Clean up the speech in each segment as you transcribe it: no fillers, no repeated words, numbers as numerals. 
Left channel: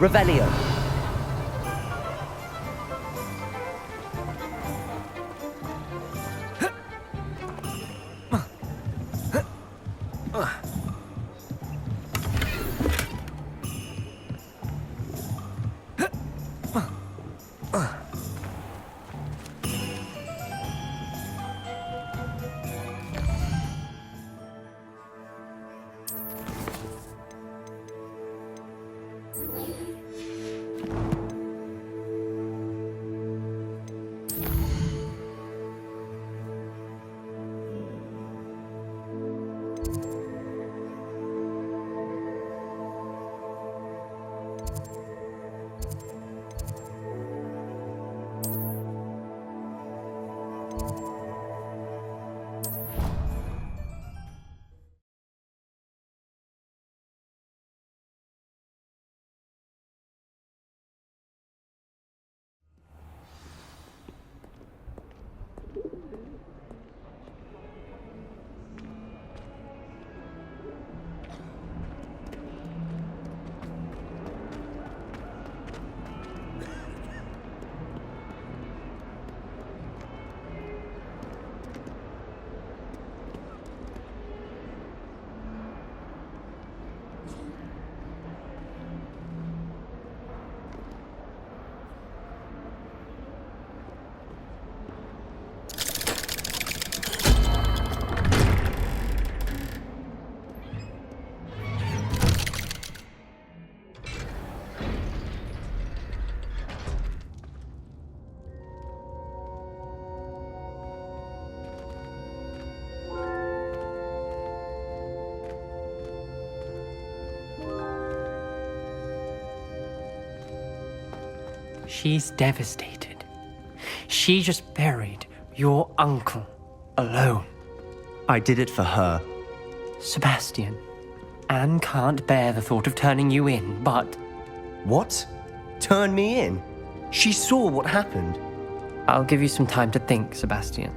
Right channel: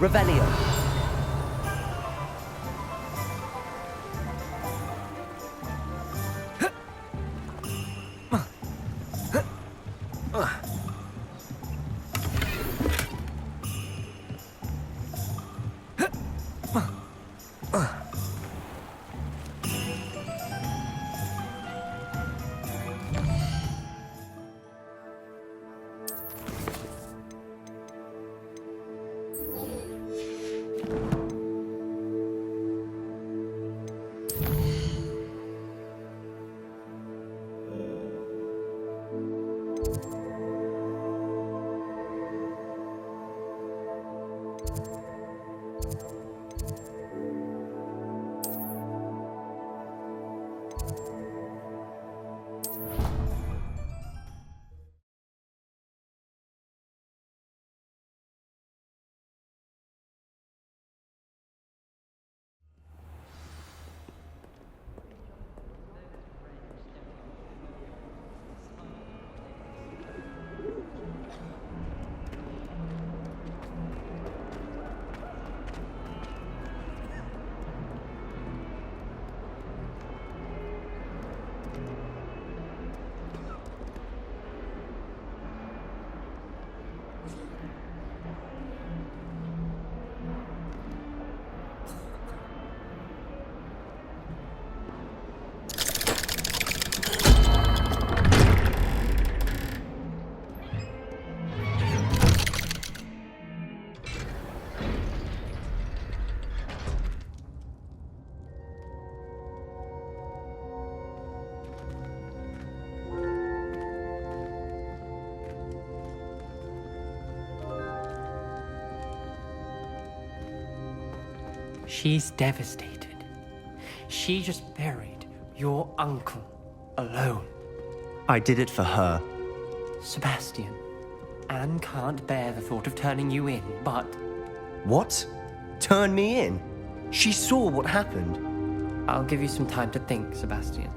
Revelio. She's devastated. She just buried your uncle alone. I did it for her. Sebastian, Anne can't bear the thought of turning you in, but... What? Turn me in? She saw what happened. I'll give you some time to think, Sebastian.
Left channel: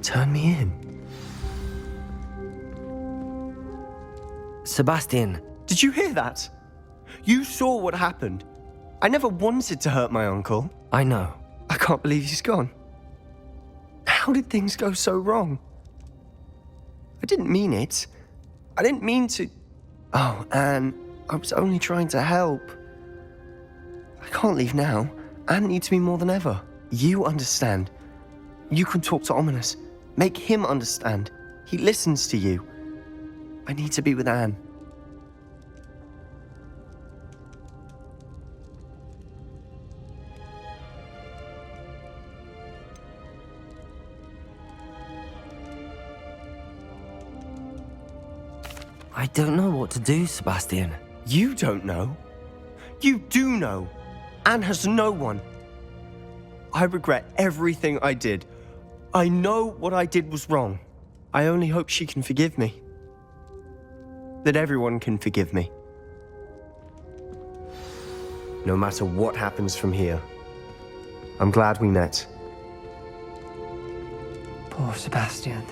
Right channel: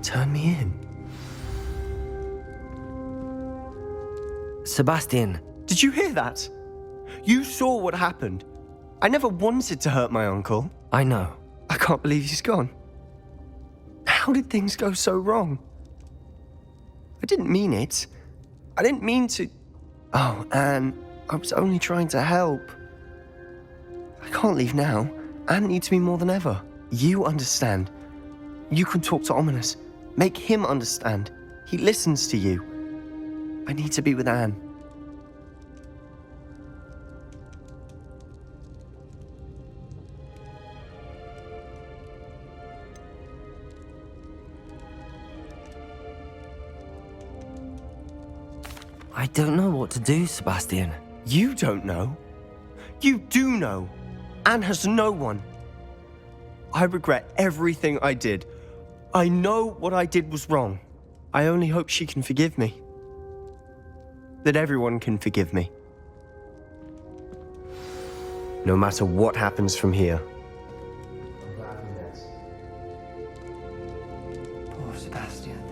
Turn me in? Sebastian, did you hear that? You saw what happened. I never wanted to hurt my uncle. I know. I can't believe he's gone. How did things go so wrong? I didn't mean it. I didn't mean to... Oh, Anne, I was only trying to help. I can't leave now. Anne needs me more than ever. You understand. You can talk to Ominous. Make him understand. He listens to you. I need to be with Anne. I don't know what to do, Sebastian. You don't know? You do know. Anne has no one. I regret everything I did. I know what I did was wrong. I only hope she can forgive me. That everyone can forgive me. No matter what happens from here, I'm glad we met. Poor Sebastian.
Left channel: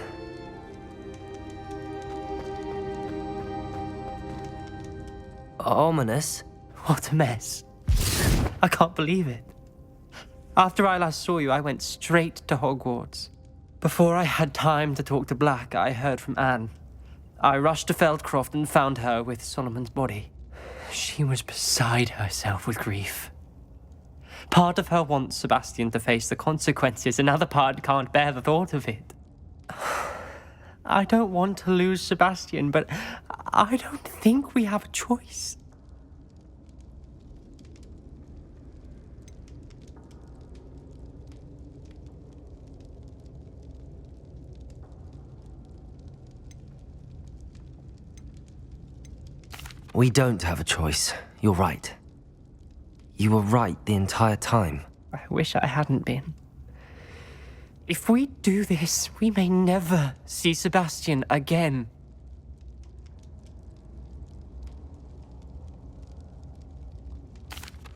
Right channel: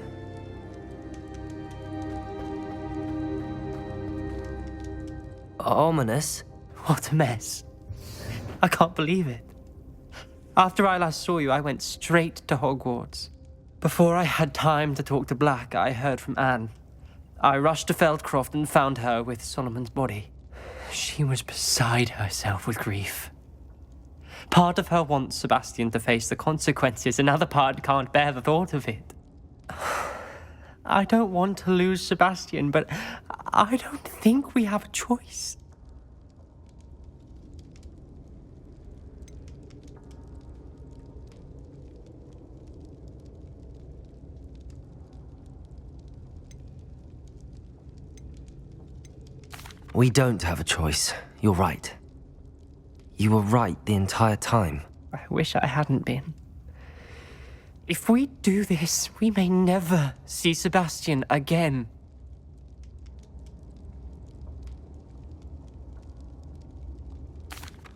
Ominous? What a mess. I can't believe it. After I last saw you, I went straight to Hogwarts. Before I had time to talk to Black, I heard from Anne. I rushed to Feldcroft and found her with Solomon's body. She was beside herself with grief. Part of her wants Sebastian to face the consequences, another part can't bear the thought of it. I don't want to lose Sebastian, but I don't think we have a choice. We don't have a choice. You're right. You were right the entire time. I wish I hadn't been. If we do this, we may never see Sebastian again.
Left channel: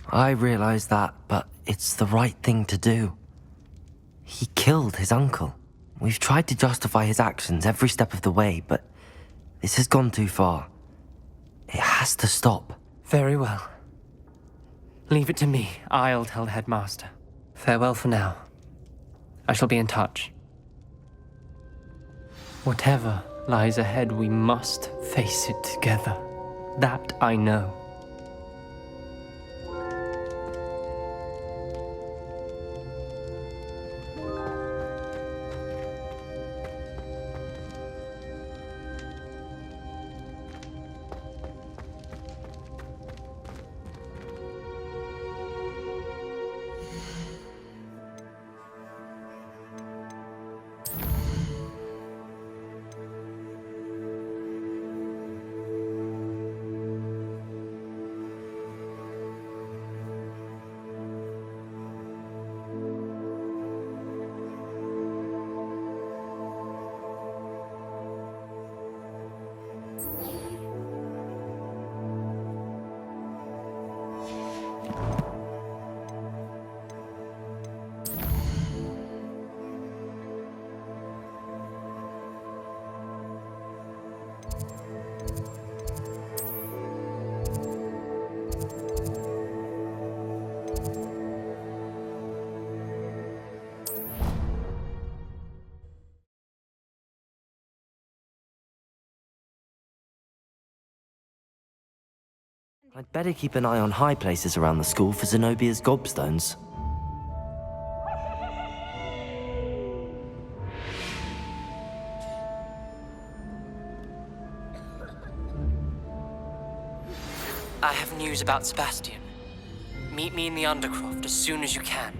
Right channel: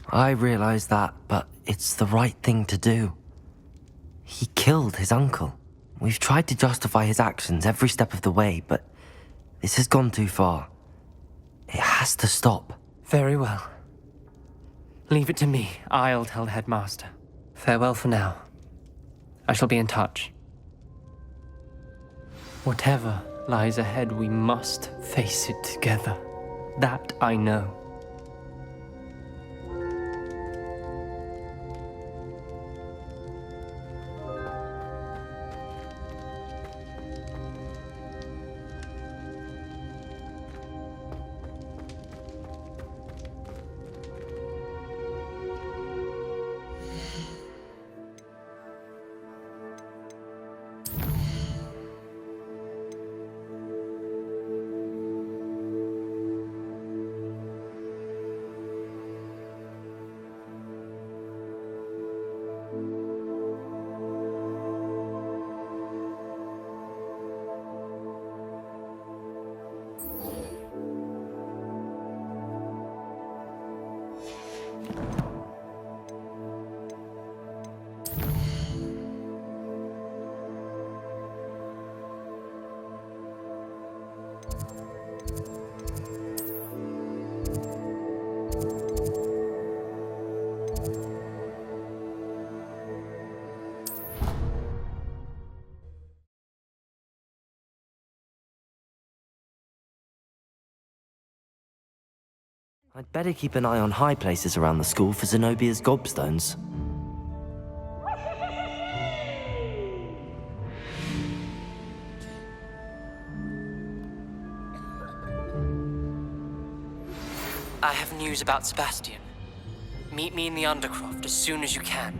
I realize that, but it's the right thing to do. He killed his uncle. We've tried to justify his actions every step of the way, but this has gone too far. It has to stop. Very well. Leave it to me. I'll tell the headmaster. Farewell for now. I shall be in touch. Whatever lies ahead, we must face it together. That I know. I'd better keep an eye on high places around the school for Zenobia's gobstones. I have news about Sebastian. Meet me in the Undercroft as soon as you can.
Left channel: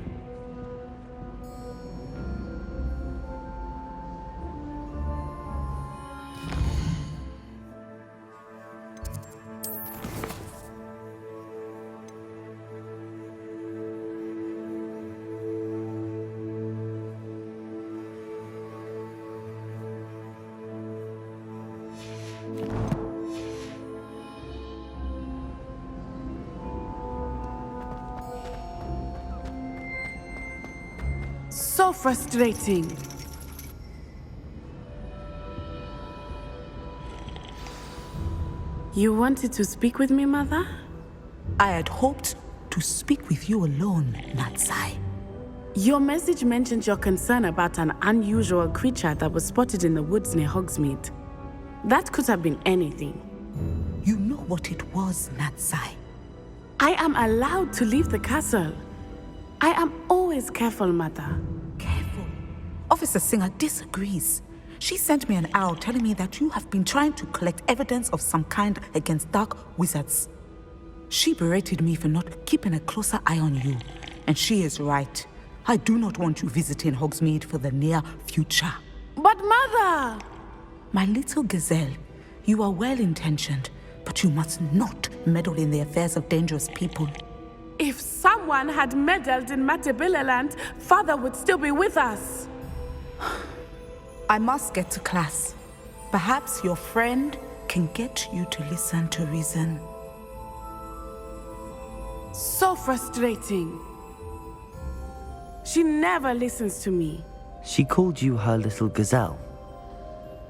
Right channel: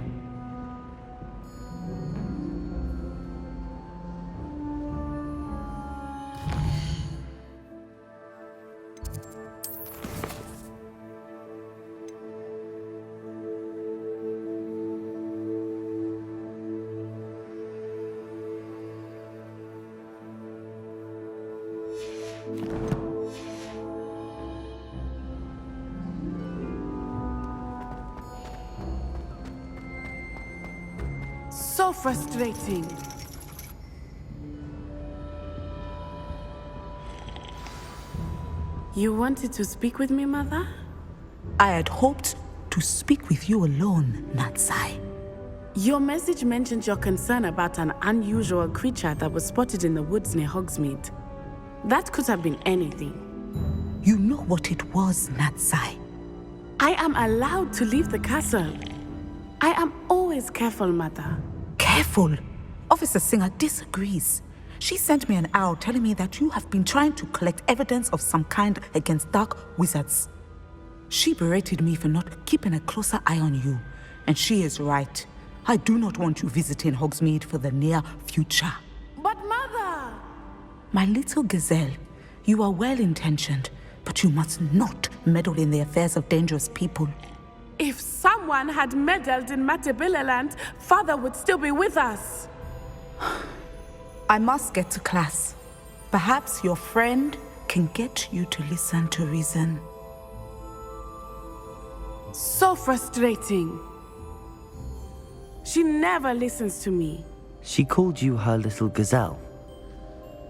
So frustrating. You wanted to speak with me, Mother? I had hoped to speak with you alone, Natsai. Your message mentioned your concern about an unusual creature that was spotted in the woods near Hogsmeade. That could have been anything. You know what it was, Natsai. I am allowed to leave the castle. I am always careful, Mother. Careful. Officer Singer disagrees. She sent me an owl telling me that you have been trying to collect evidence of some kind against dark wizards. She berated me for not keeping a closer eye on you, and she is right. I do not want you visiting Hogsmeade for the near future. But Mother! My little gazelle, you are well-intentioned, but you must not meddle in the affairs of dangerous people. If someone had meddled in Matabeleland, Father would still be with us. I must get to class. Perhaps your friend can get you to listen to reason. So frustrating. She never listens to me. She called you her little gazelle.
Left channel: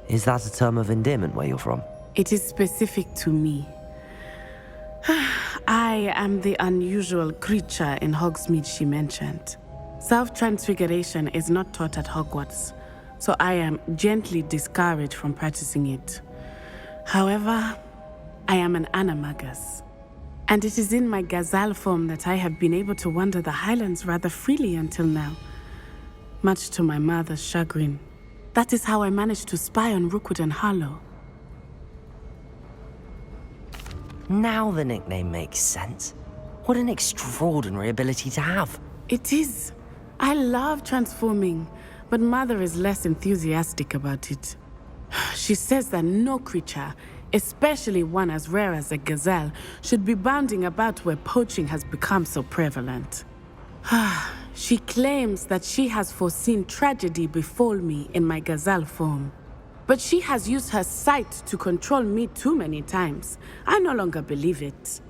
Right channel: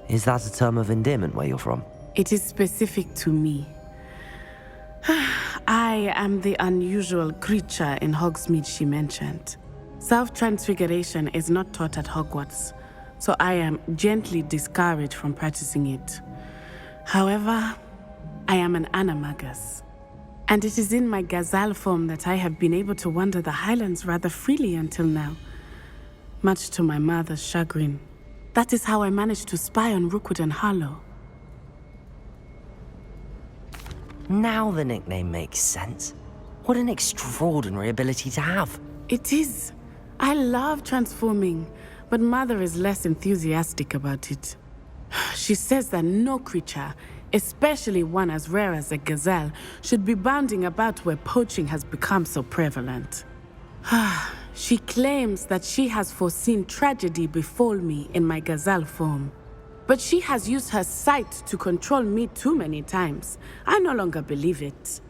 Is that a term of endearment where you're from? It is specific to me. I am the unusual creature in Hogsmeade she mentioned. Self-transfiguration is not taught at Hogwarts, so I am gently discouraged from practicing it. However, I am an animagus, and it is in my gazelle form that I have been able to wander the Highlands rather freely until now, much to my mother's chagrin. That is how I managed to spy on Rookwood and Harlow. Now the nickname makes sense. What an extraordinary ability to have. It is. I love transforming, but Mother is less enthusiastic about it. She says that no creature, especially one as rare as a gazelle, should be bounding about where poaching has become so prevalent. She claims that she has foreseen tragedy befall me in my gazelle form. But she has used her sight to control me too many times. I no longer believe it.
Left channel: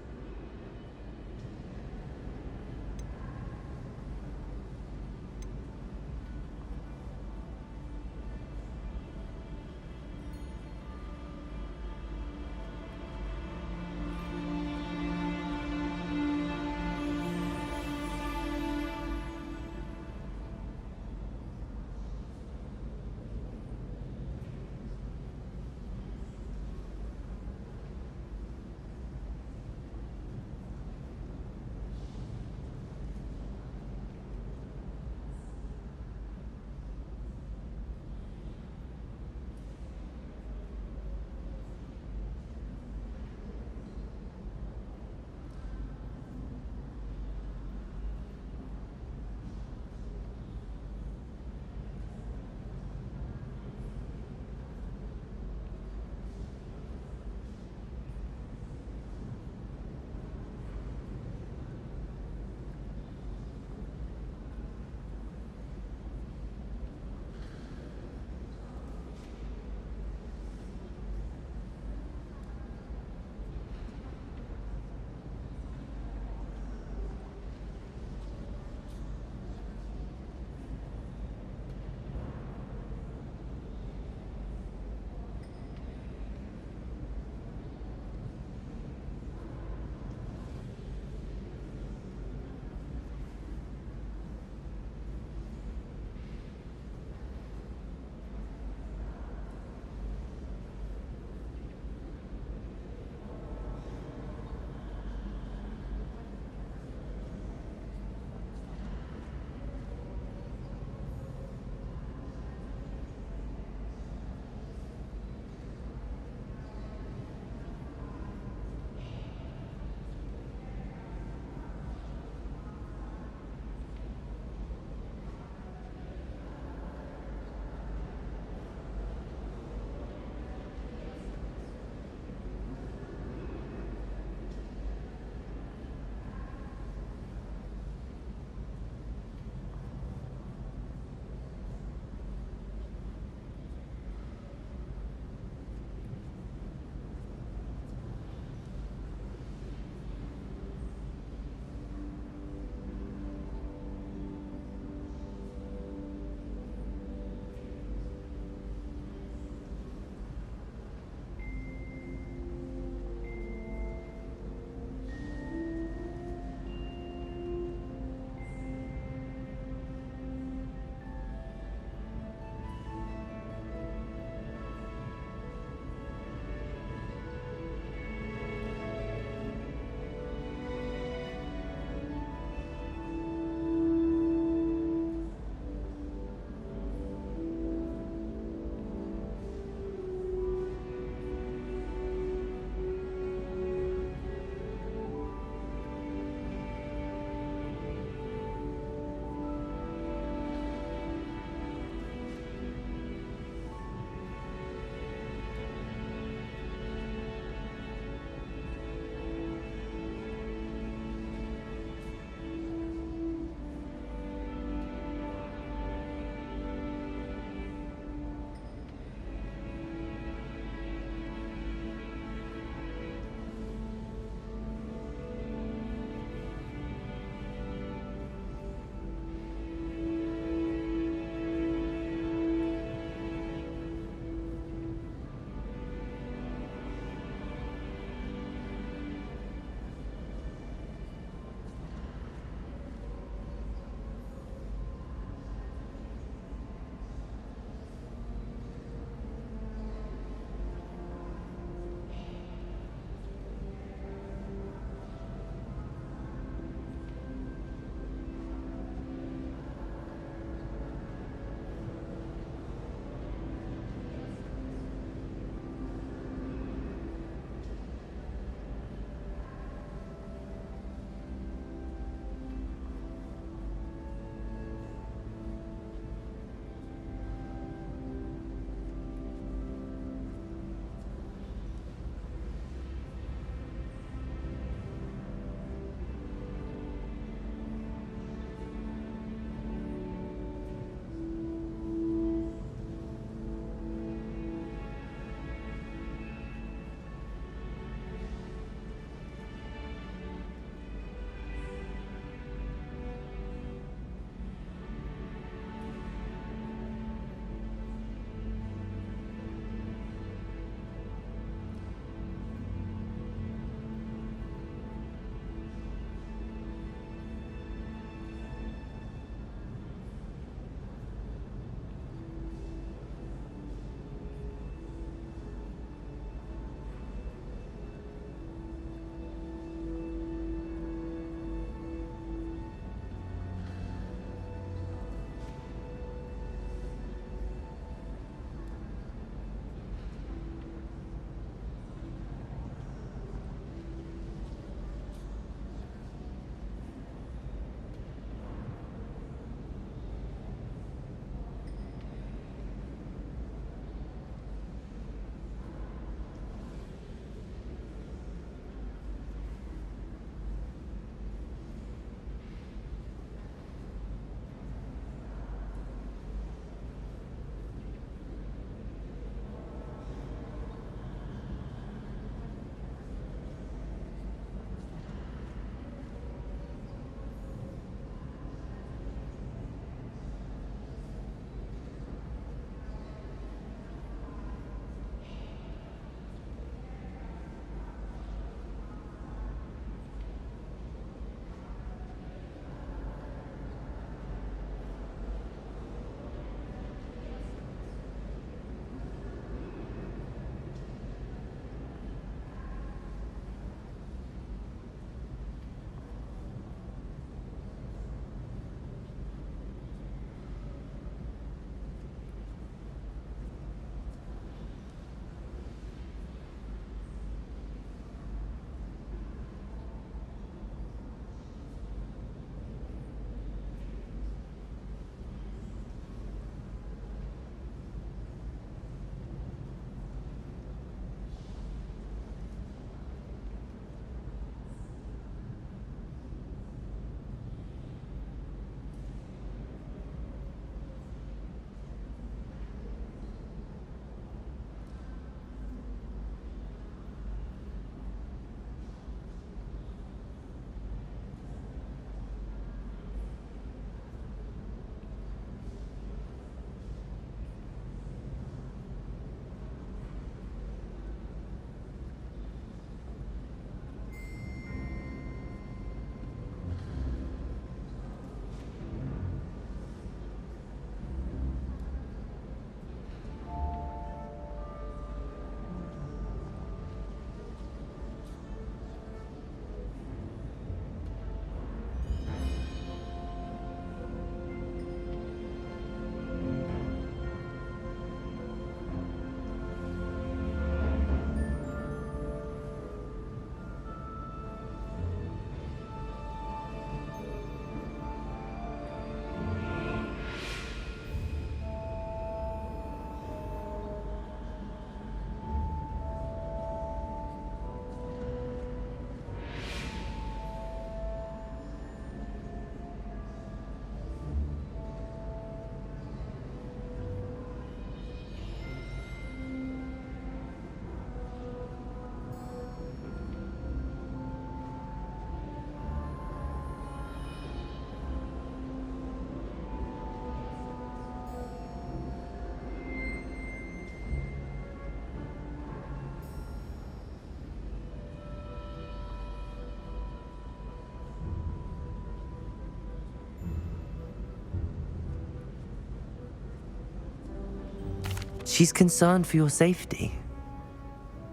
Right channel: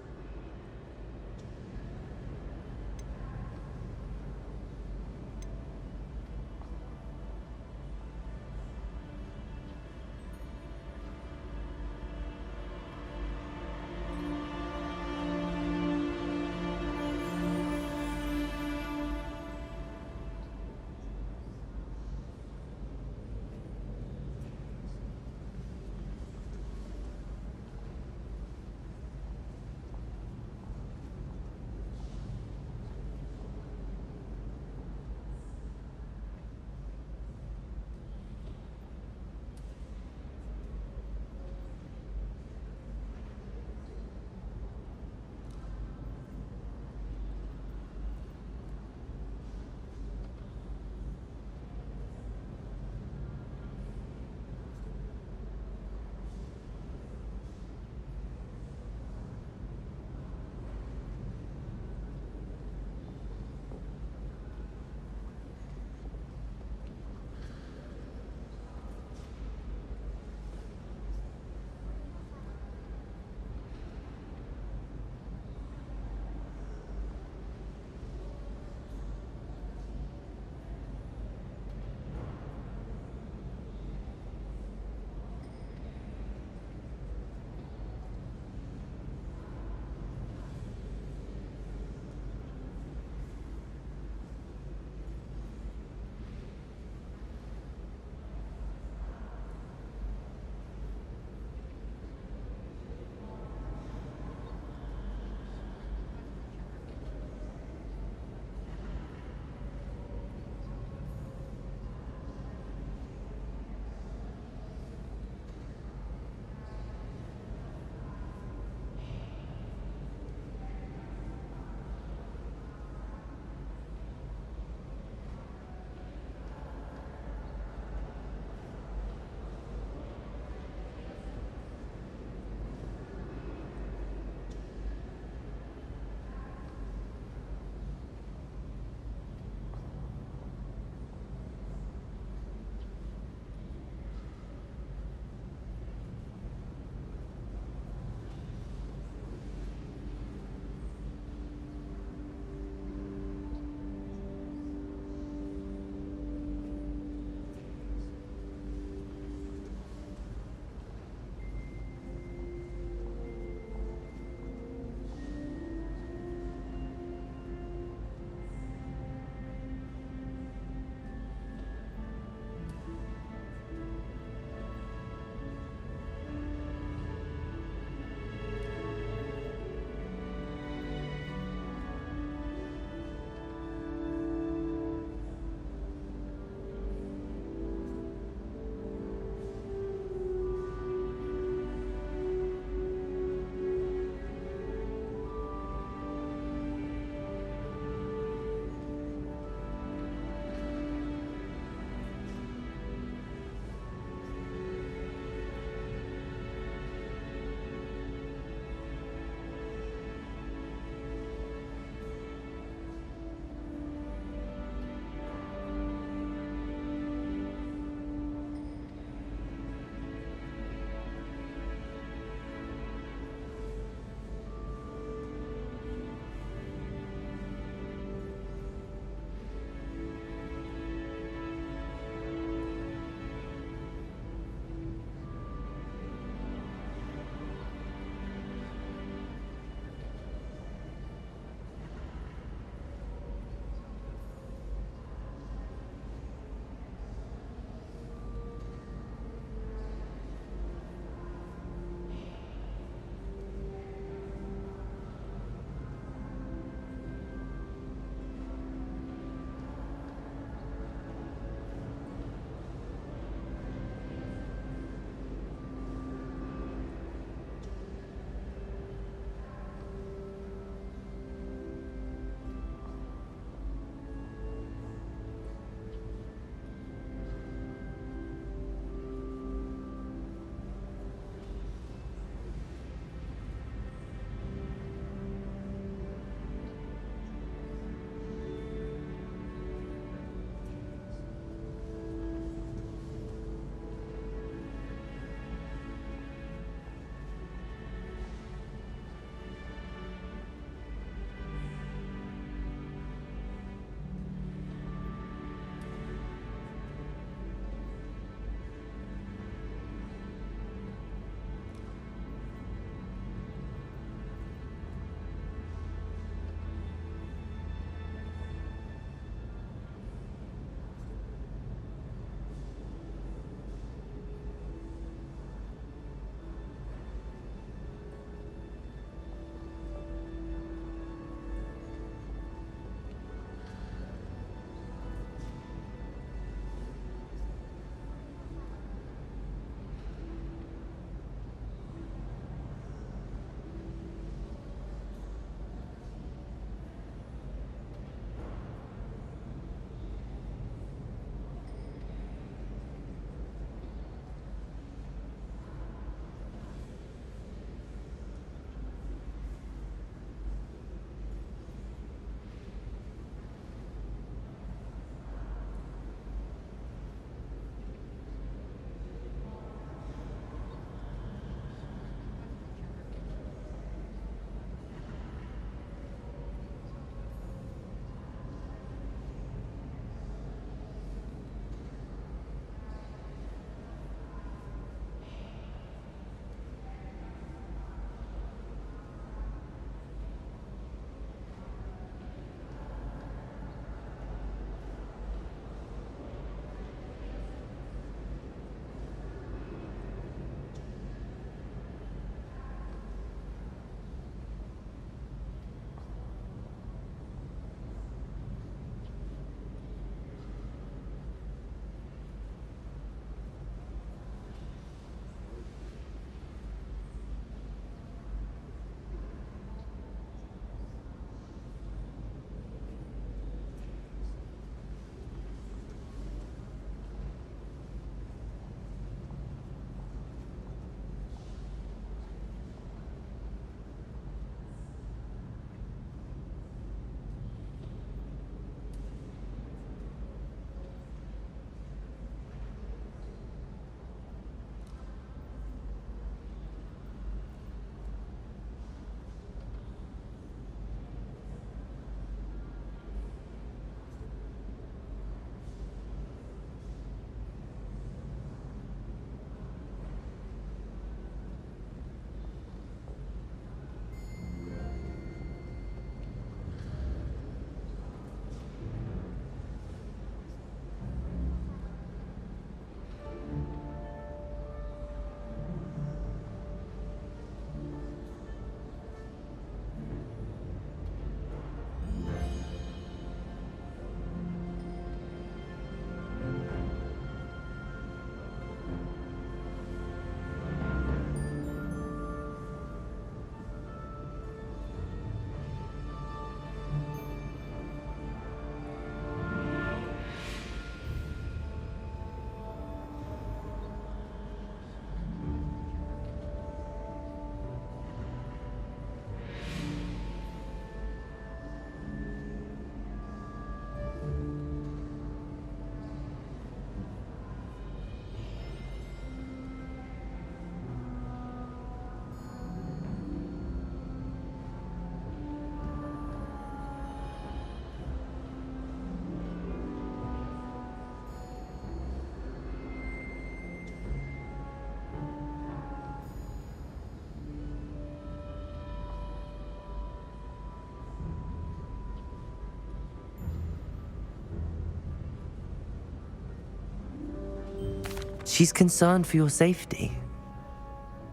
She's concerned for your safety.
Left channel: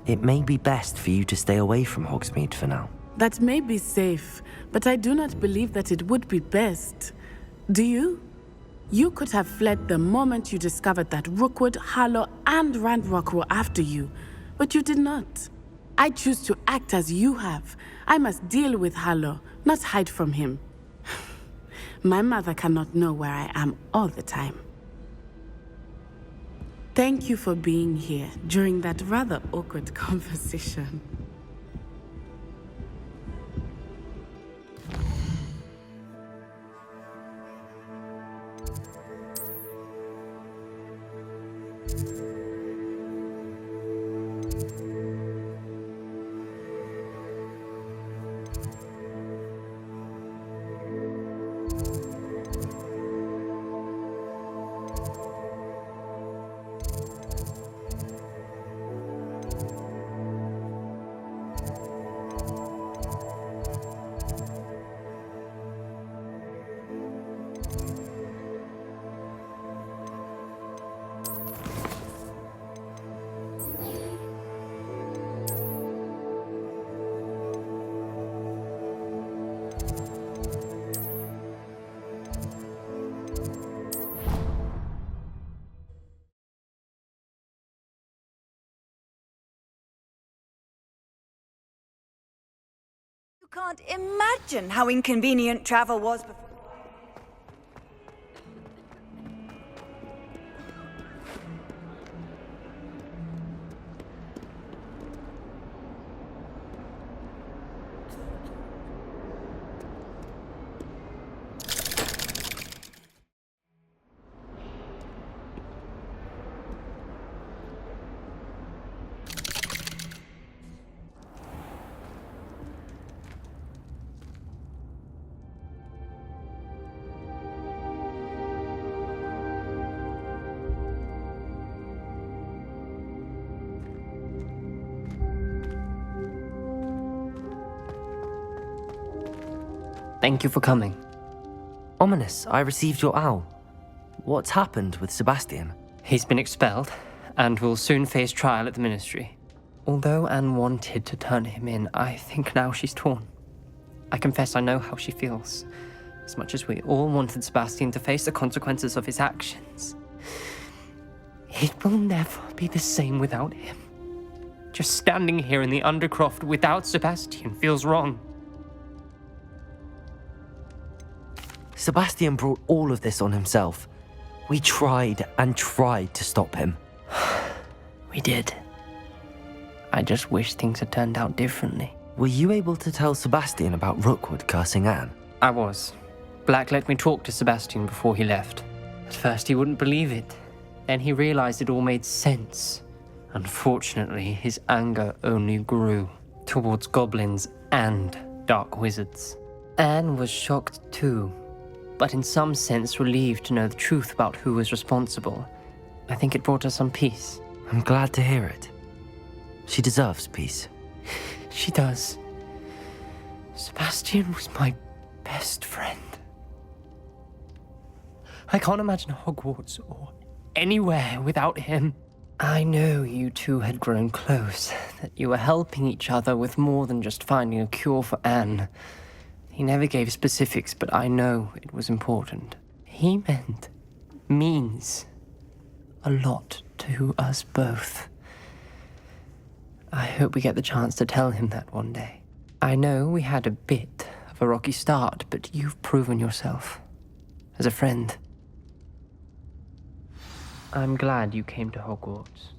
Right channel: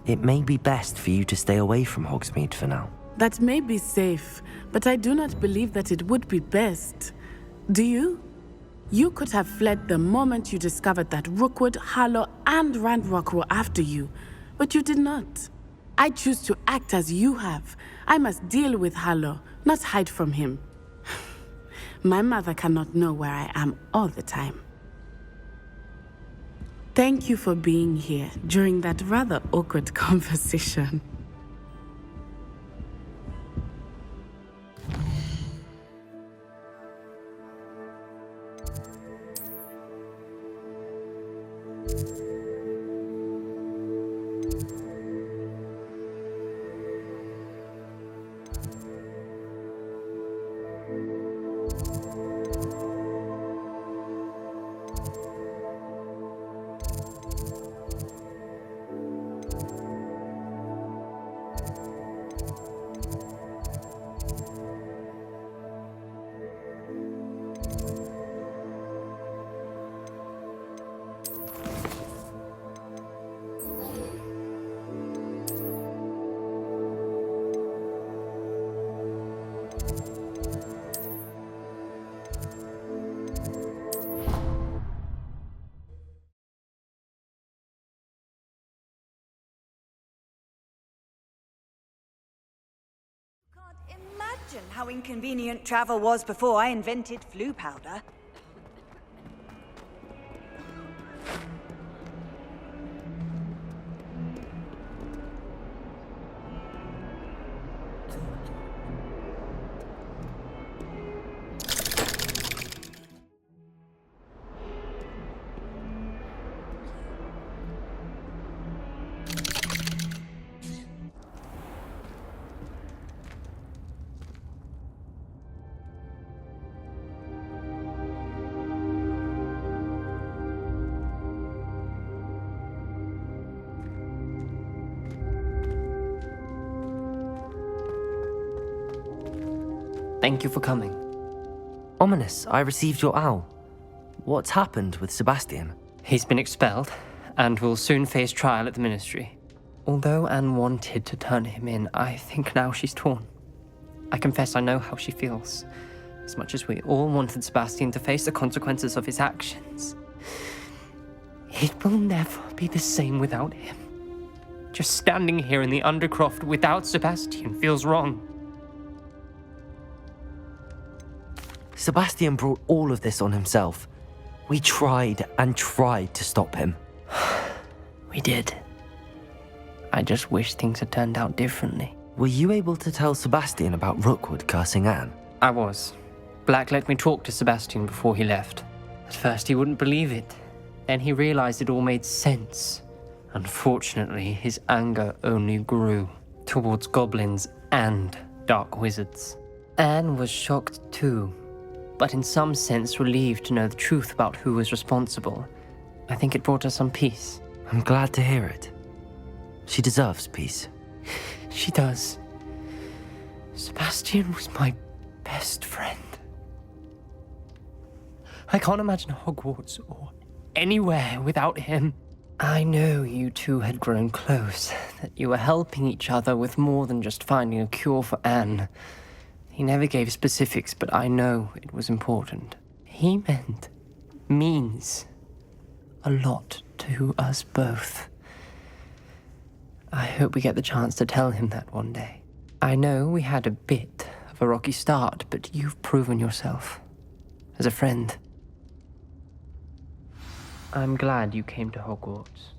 It may be best for you to stay away from Hogsmeade for now. That may be safe, but I do not believe that it would be best. Do you? You could have fled the moment you discovered that Rookwood, Harlow, and Ranrock were after you, but you did not. I choose to act as you have. I must deal with Harlow, not hide from him. My mother cannot know where I am all the time. Thank you for being here during that rather awkward conversation. You can't imagine how inconvenient travel was before I invented flu powder. Thank you for coming. Ominous, I received your owl. What's happened with Sebastian? He's been expelled, and will soon face trial at the Ministry. Although Anne wanted to turn him in, I think now she's torn. I confess I know how she feels. As much as we all wanted Sebastian to face the consequences of his actions, it will never be the same without him. Just standing here in the Undercroft without Sebastian feels wrong. Sebastian brought all of this on himself. We tried and tried to stop him. We did. I just wish things had turned out differently. Were you able to tell Sebastian about Rookwood cursing Anne? I was. Black let me talk to Sebastian before he left. At first he wouldn't believe it. Then he realized it all made sense. Unfortunately, his anger only grew towards goblins and dark wizards. Anne was shocked too, but in some sense relieved to know the truth about who was responsible. I think it brought her some peace. I'm glad to hear it. She deserves peace. She does. Sebastian was my best friend. I can't imagine Hogwarts or anywhere without him. I know you two had grown close, that you were helping each other with more than just finding a cure for Anne. He never gave specifics, but I know it was important. He means a lot to us both. I hope we get the chance to tell him that one day. I know we had a bit of a rocky start, but you've proven yourself as a friend. I'm glad you came to Hogwarts.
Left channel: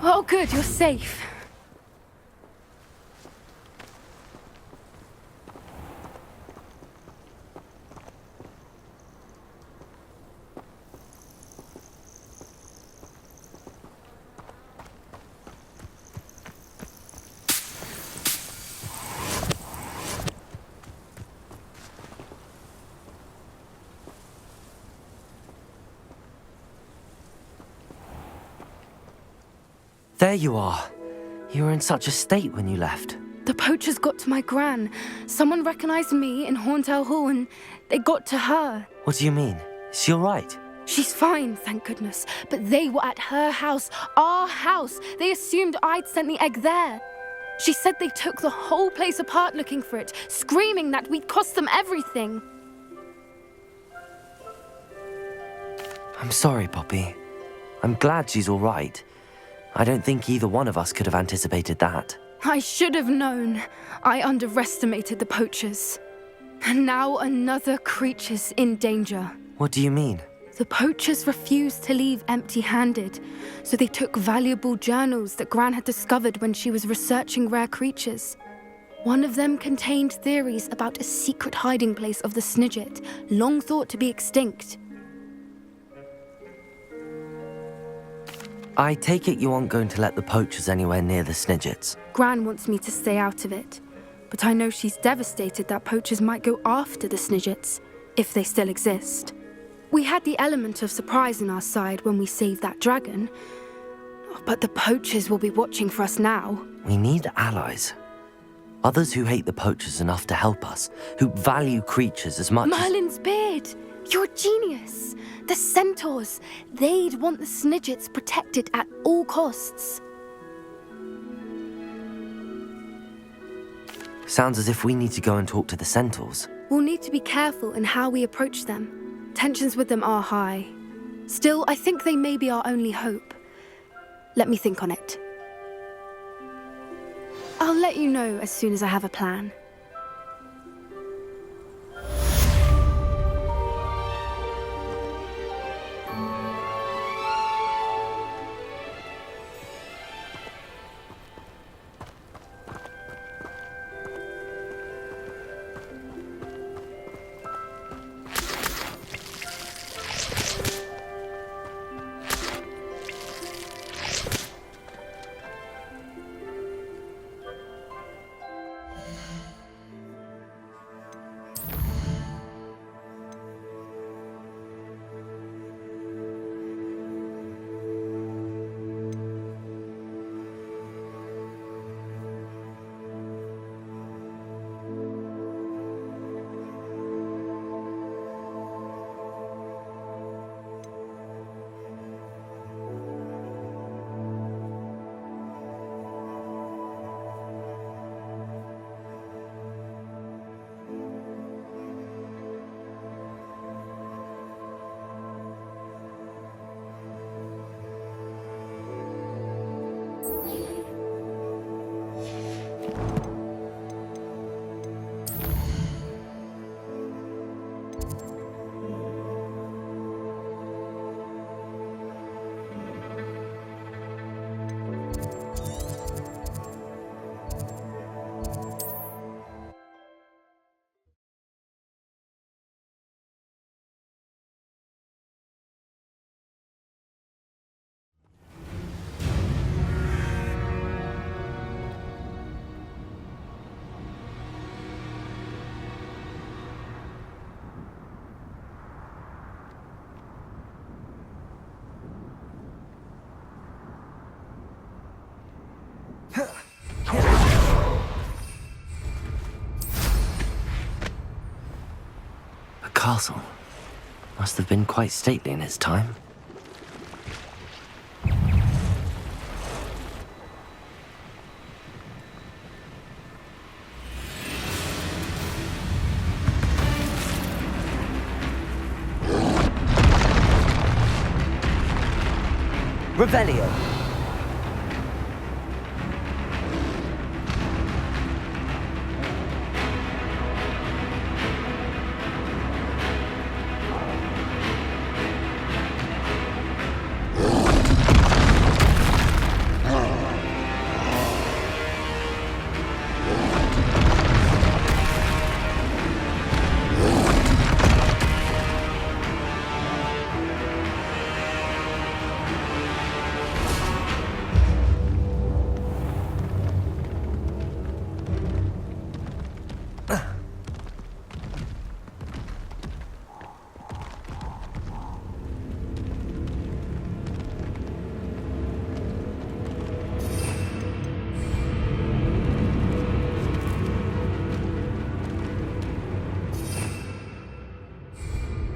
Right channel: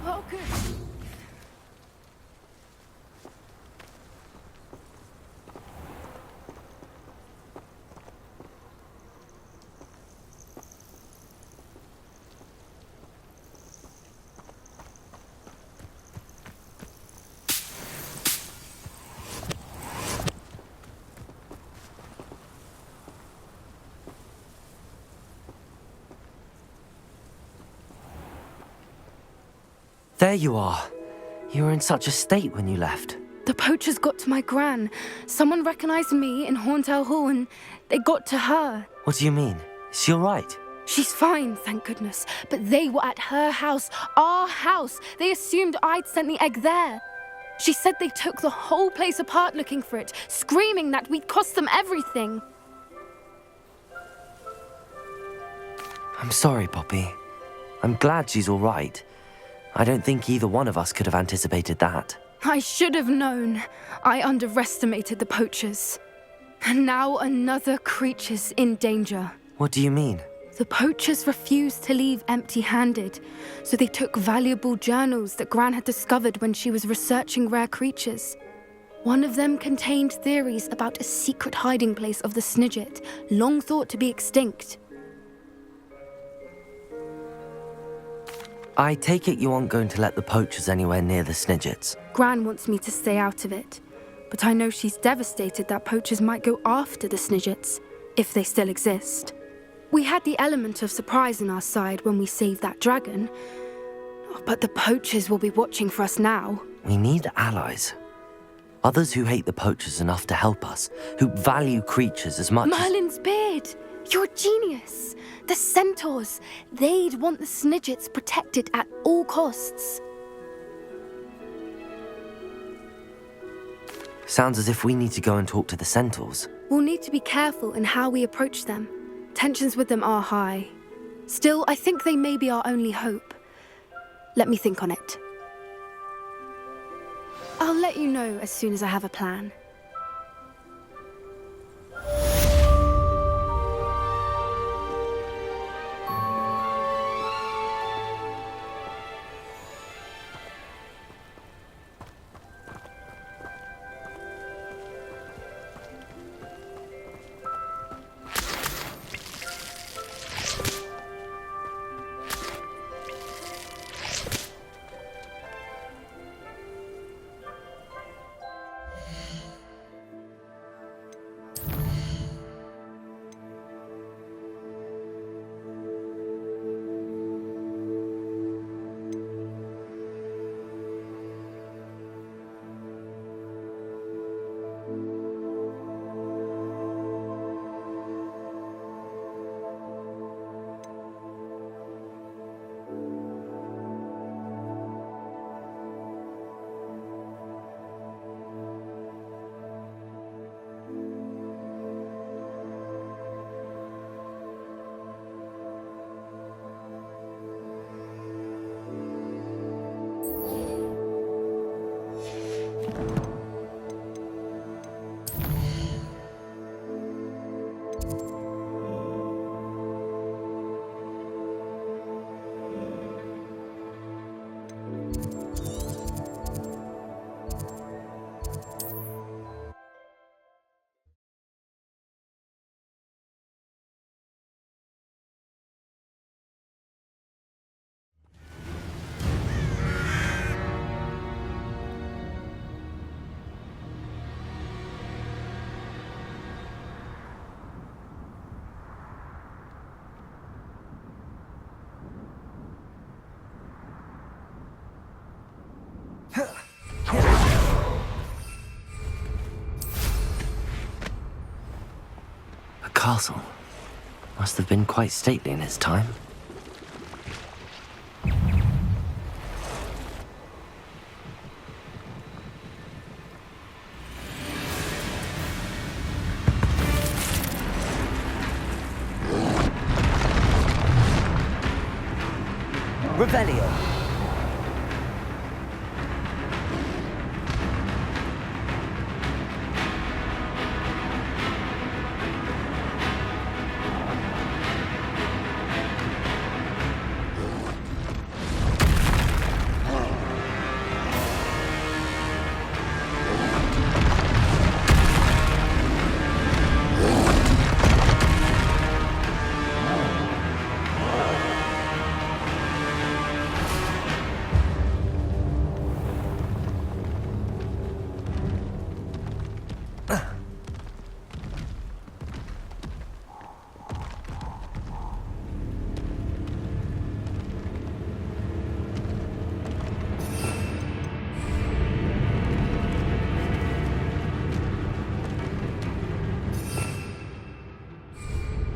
Oh, good, you're safe. There you are. You were in such a state when you left. The poachers got to my gran. Someone recognized me in Horntail Hall and they got to her. What do you mean? Is she alright? She's fine, thank goodness. But they were at her house, our house. They assumed I'd sent the egg there. She said they took the whole place apart looking for it, screaming that we'd cost them everything. I'm sorry, Poppy. I'm glad she's alright. I don't think either one of us could have anticipated that. I should have known. I underestimated the poachers. And now another creature's in danger. What do you mean? The poachers refused to leave empty-handed, so they took valuable journals that Gran had discovered when she was researching rare creatures. One of them contained theories about a secret hiding place of the Snidget, long thought to be extinct. I take it you aren't going to let the poachers anywhere near the Snidgets. Gran wants me to stay out of it, but I know she's devastated that poachers might go after the Snidgets, if they still exist. We had the element of surprise on our side when we saved that dragon, but the poachers will be watching for us now. We need allies. Others who hate the poachers enough to help us, who value creatures as much Merlin's beard! You're a genius! The centaurs! They'd want the Snidgets protected at all costs. Sounds as if we need to go and talk to the centaurs. We'll need to be careful in how we approach them. Tensions with them are high. Still, I think they may be our only hope. Let me think on it. I'll let you know as soon as I have a plan. The castle must have been quite stately in its time. Revelio.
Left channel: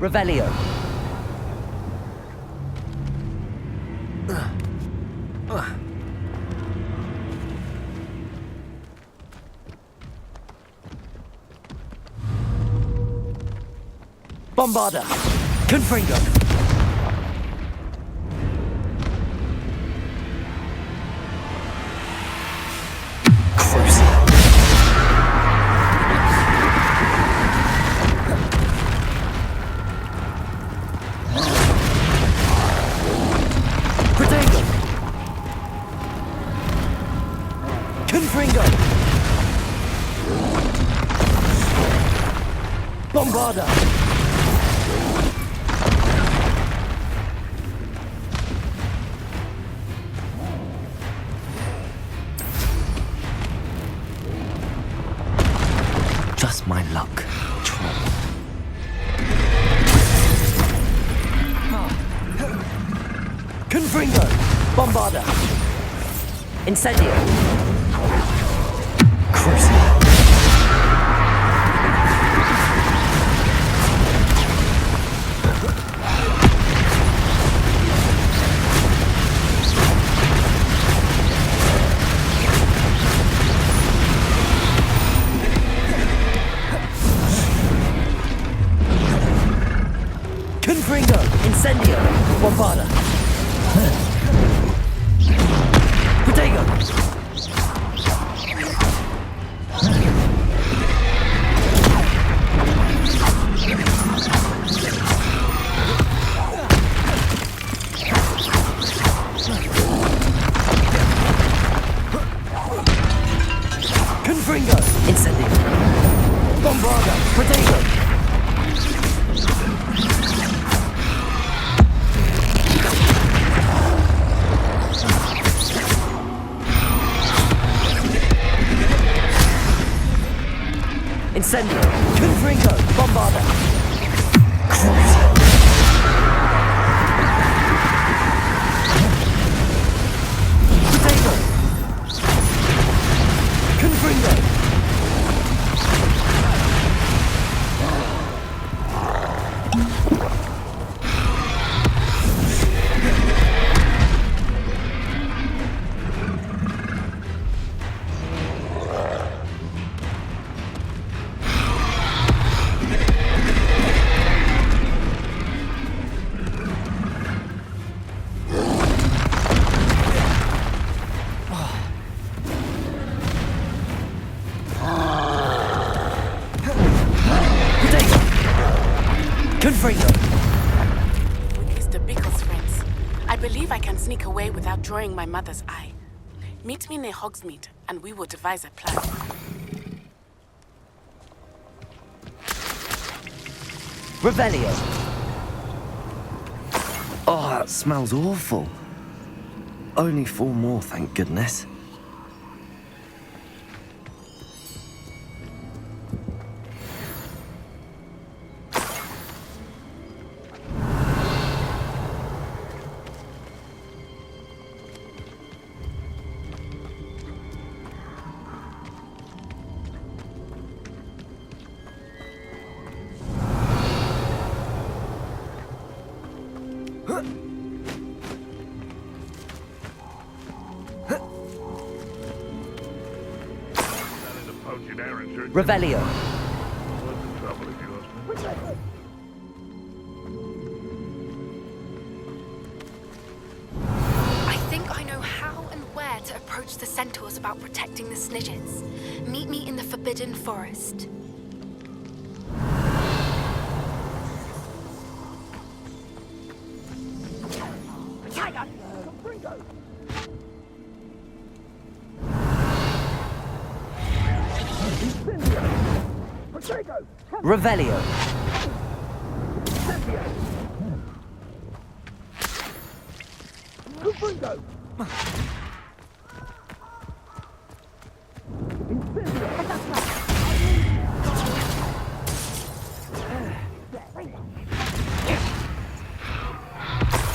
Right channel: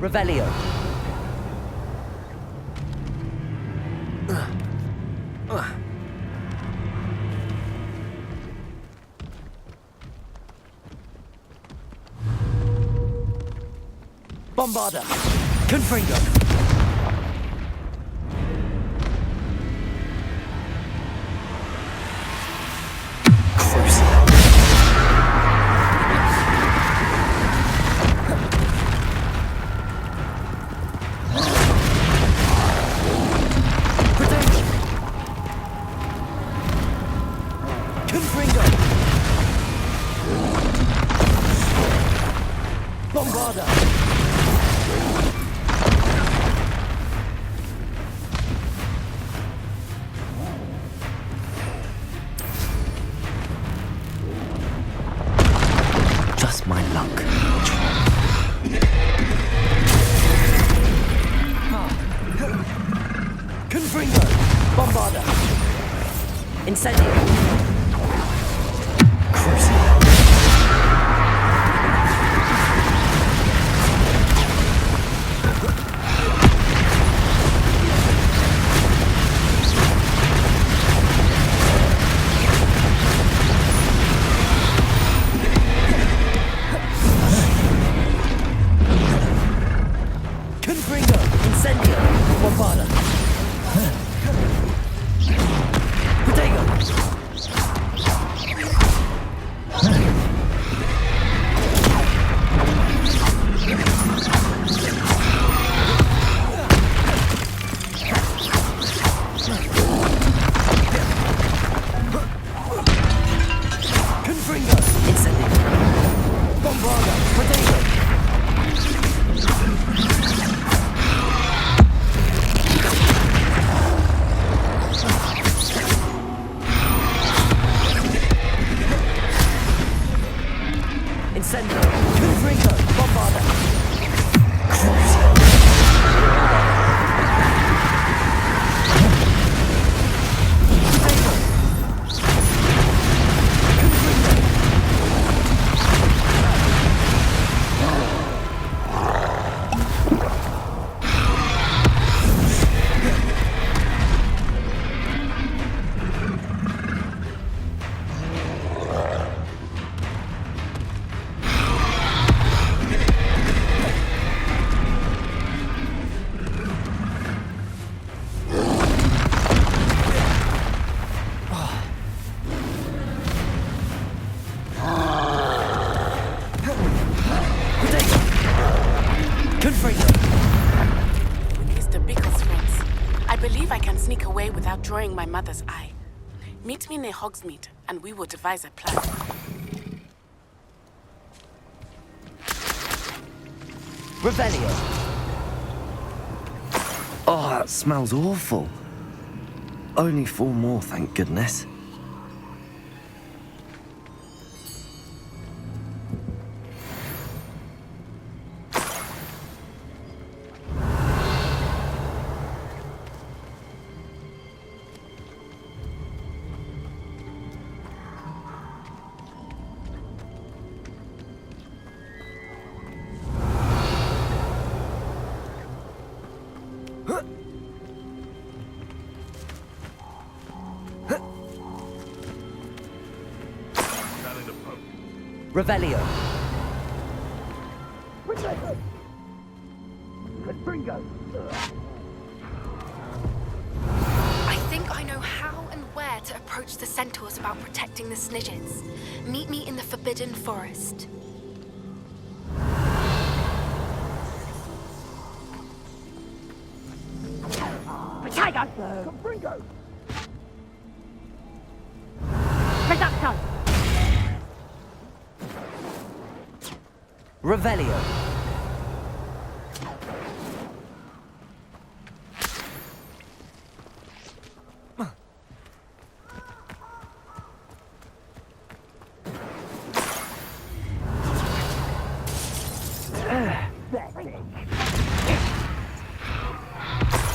Revelio. Bombarda. Confringo. Bombarda! Just my luck. Confringo! Bombarda! Incendio! Crucible! Confringo! Incendio! Bombarda! Protego! Confringo! Incendio! Bombarda! Protego! Incendio! Confringo! Bombarda! Crucible! Protego! Confringo! Confringo! With Mr. Bickle's friends, I believe I can sneak away without drawing my mother's eye. Meet me near Hogsmeade, and we will devise a plan. Revelio! Oh, that smells awful. Only 4 more, thank goodness. Revelio. I think I know how and where to approach the centaurs about protecting the Snidgets. Meet me in the Forbidden Forest. Revelio.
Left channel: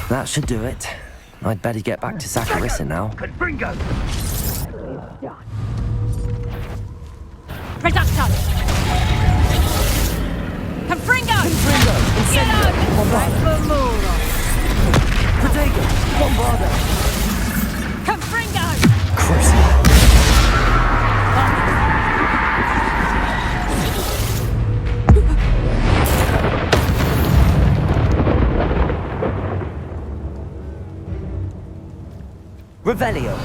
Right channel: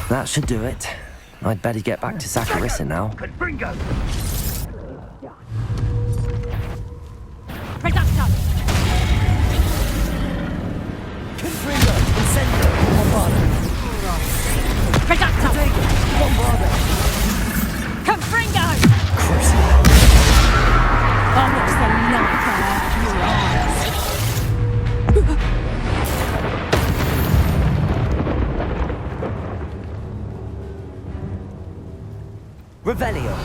That should do it. I'd better get back to Saccharissa now. Reducto! Confringo! Confringo! Revelio.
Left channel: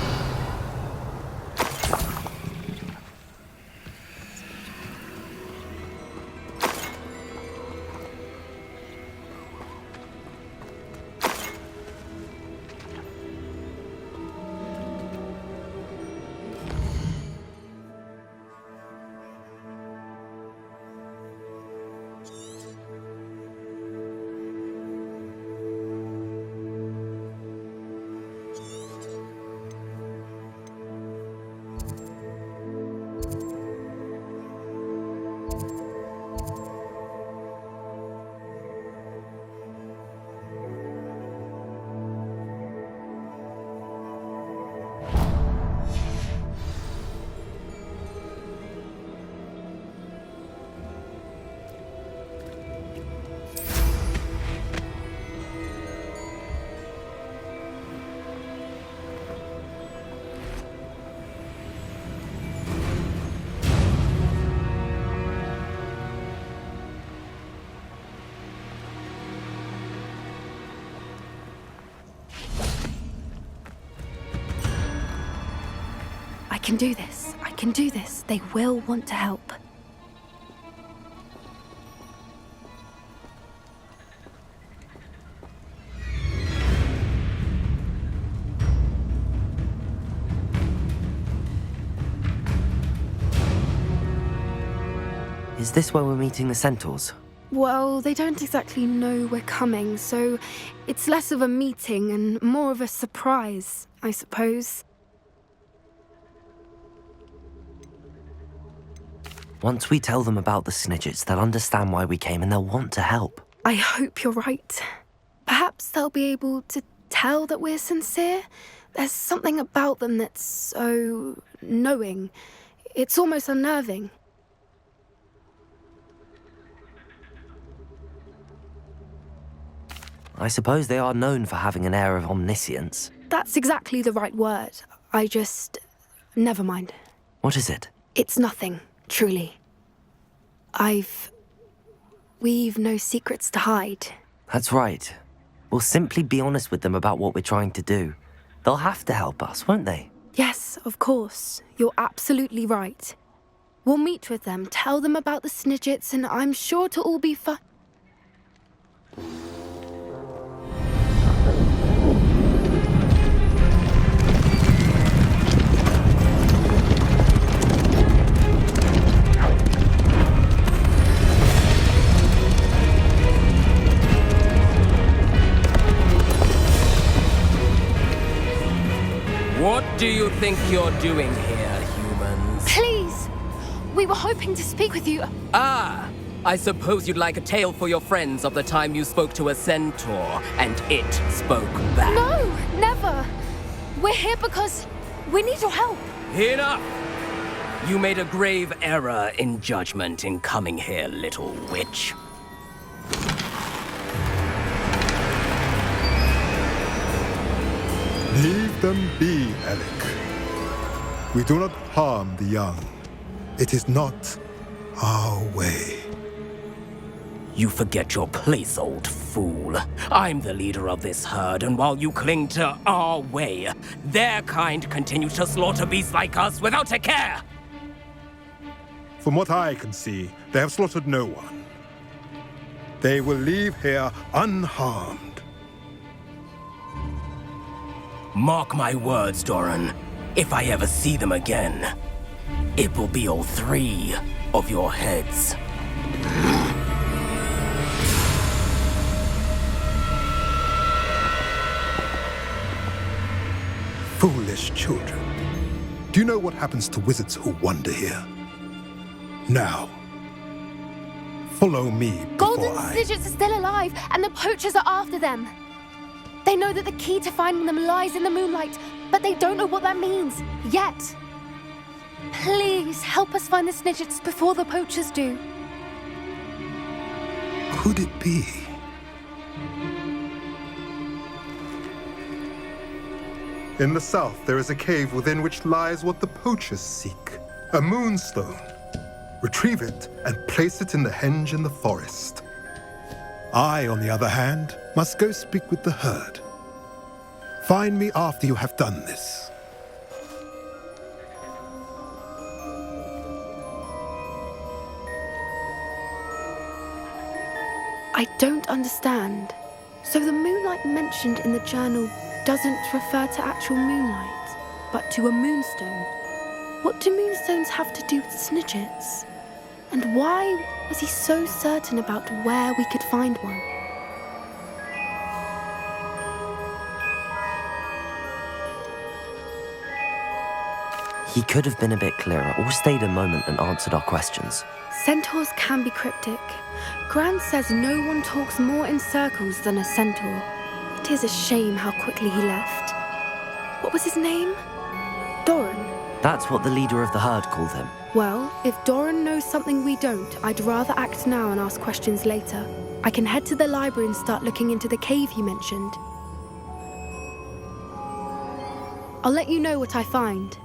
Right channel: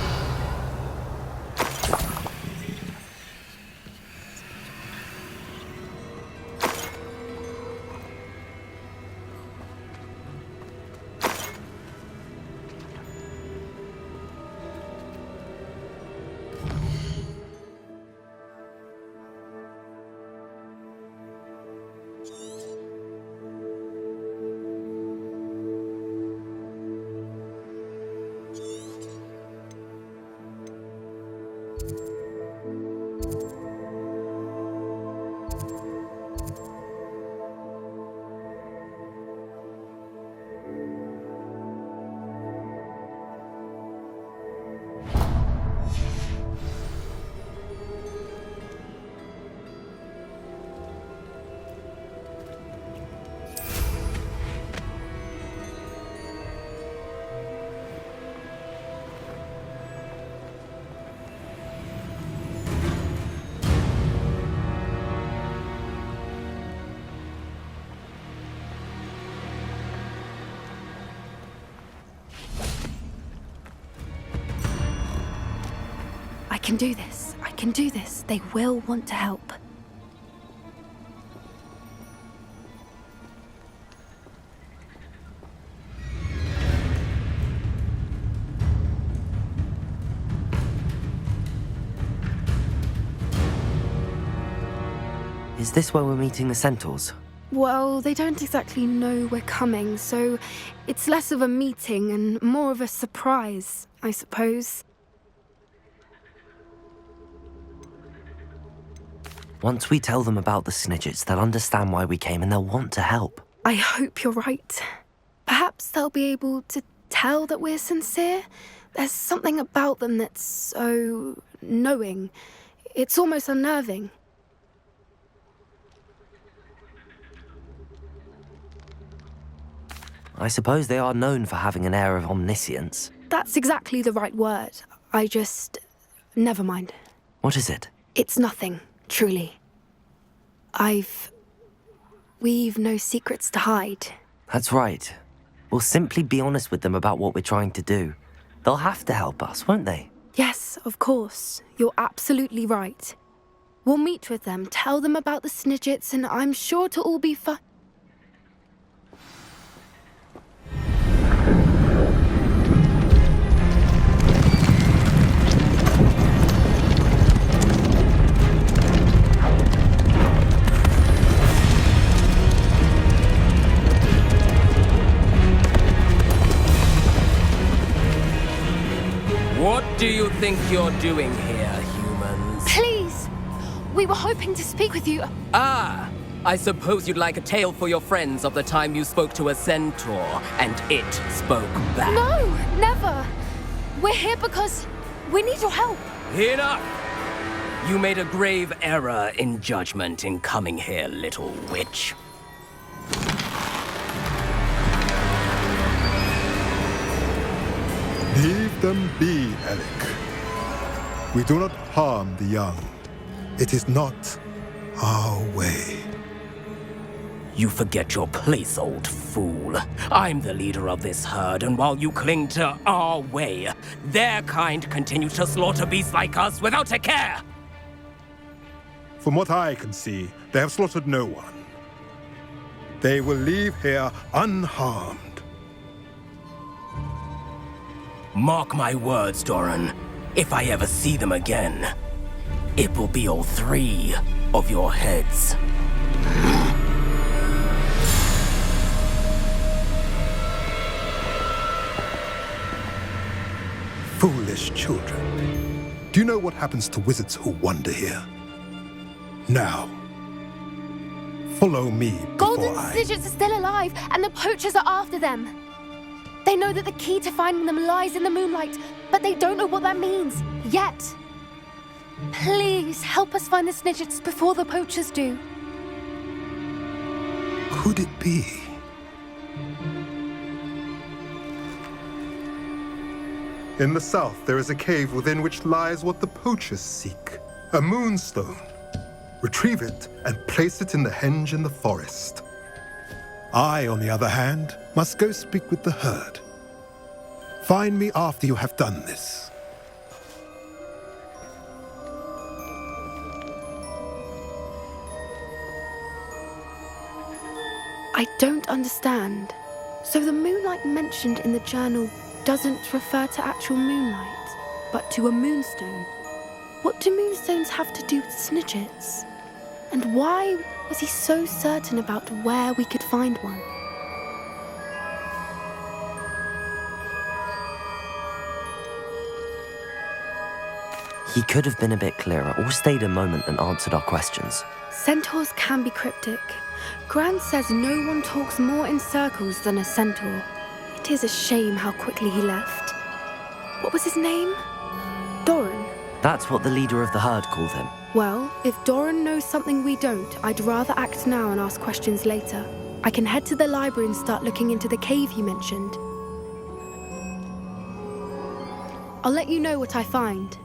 I can do this. I can do this. They will want to help. Is this where we're meeting the centaurs? Well, they don't exactly know we're coming, so it's less of a meeting and more of a surprise, I suppose. Once we tell them about the Snidgets, they'll understand why we came and they'll want to help. I hope you're right. Perhaps they'll be able to tell that we're sincere. There's something about them that's so knowing. It's almost unnerving. I suppose they are known for having an air of omniscience. That's exactly the right word. Never mind. What is it? It's nothing, truly. We've no secrets to hide. That's right. We'll simply be honest with them about what we're trying to do. They'll have to help us, won't they? Yes, of course. You're absolutely right. We'll meet with them, tell them about the Snidgets, and I'm sure to all be fine. What do you think you're doing here, humans? Please! We were hoping to speak with you. Ah! I suppose you'd like a tale for your friends of the time you spoke to a centaur, and it spoke back. No, never. We're here because we need your help. Enough! You made a grave error in judgment in coming here, little witch. Leave them be, Alec. We do not harm the young. It is not our way. You forget your place, old fool. I'm the leader of this herd, and while you cling to our way, their kind continue to slaughter beasts like us without a care! From what I can see, they have slaughtered no one. They will leave here unharmed. Mark my words, Doran. If I ever see them again, it will be all 3 of your heads. Foolish children. Do you know what happens to wizards who wander here? Now, follow me before Golden Snidgets are still alive, and the poachers are after them. They know that the key to finding them lies in the moonlight, but they don't know what that means, yet. Please, help us find the Snidgets before the poachers do. Could it be In the south, there is a cave within which lies what the poachers seek. A moonstone. Retrieve it and place it in the henge in the forest. I, on the other hand, must go speak with the herd. Find me after you have done this. I don't understand. So the moonlight mentioned in the journal doesn't refer to actual moonlight, but to a moonstone. What do moonstones have to do with snidgets? And why was he so certain about where we could find one? He could have been a bit clearer or stayed a moment and answered our questions. Centaurs can be cryptic. Gran says no one talks more in circles than a centaur. It is a shame how quickly he left. What was his name? Doran. That's what the leader of the herd called him. Well, if Doran knows something we don't, I'd rather act now and ask questions later. I can head to the library and start looking into the cave you mentioned. I'll let you know what I find.